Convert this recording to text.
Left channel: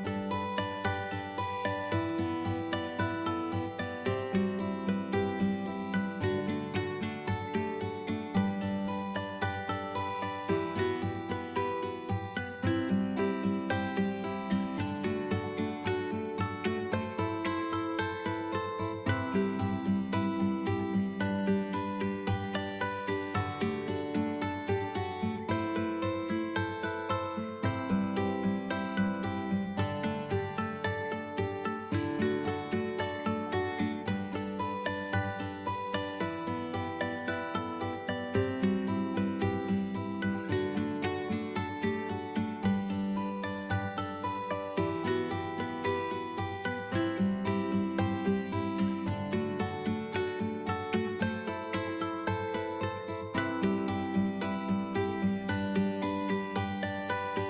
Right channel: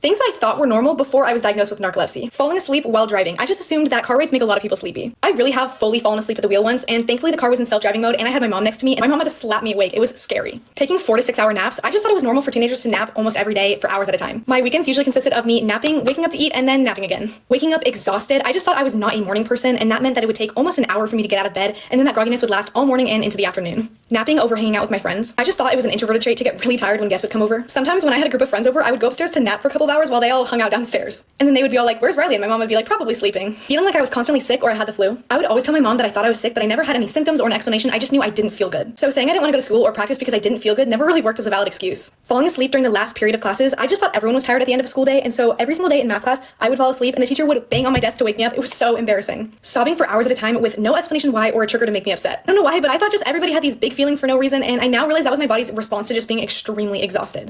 Things that I thought were normal before I was diagnosed with narcolepsy. Falling asleep while driving. I just assumed that car rides make a lot of people sleepy. I really have fully fallen asleep at the wheel once, and thankfully the car was in self-driving mode and I had my mom next to me, and my mom had to slap me awake. It was scary. Taking 4 to 6 hour naps. I just thought it was normal for teenagers to nap almost every day for hours at a time. My weekends usually consisted of me napping, waking up to eat, and then napping again. Waking up exhausted. I just thought I was not a morning person, and that meant that it would take almost an hour for me to get out of bed, and then that grogginess would last all morning and into the afternoon. Napping over hanging out with my friends. I just thought it was an introverted trait to get really tired when guests would come over. Sometimes when I had a group of friends over, I would go upstairs to nap for a couple of hours while they all hung out downstairs. And then they would be all like, "Where's Riley?" And my mom would be like, "Probably sleeping." Feeling like I was constantly sick or I had the flu. I would always tell my mom that I thought I was sick, but I never had any symptoms or an explanation. I just knew I didn't feel good. So saying I didn't want to go to school or practice because I didn't feel good never really worked as a valid excuse. Falling asleep during the last period of classes, I just thought everyone was tired at the end of a school day, and so every single day in math class, I would fall asleep and the teacher would bang on my desk to wake me up. It was so embarrassing. Sobbing for hours at a time with no explanation why or a trigger to make me upset. I don't know why, but I thought just everybody had these big feelings for no reason, and I now realize that was my body's response to just being extremely exhausted.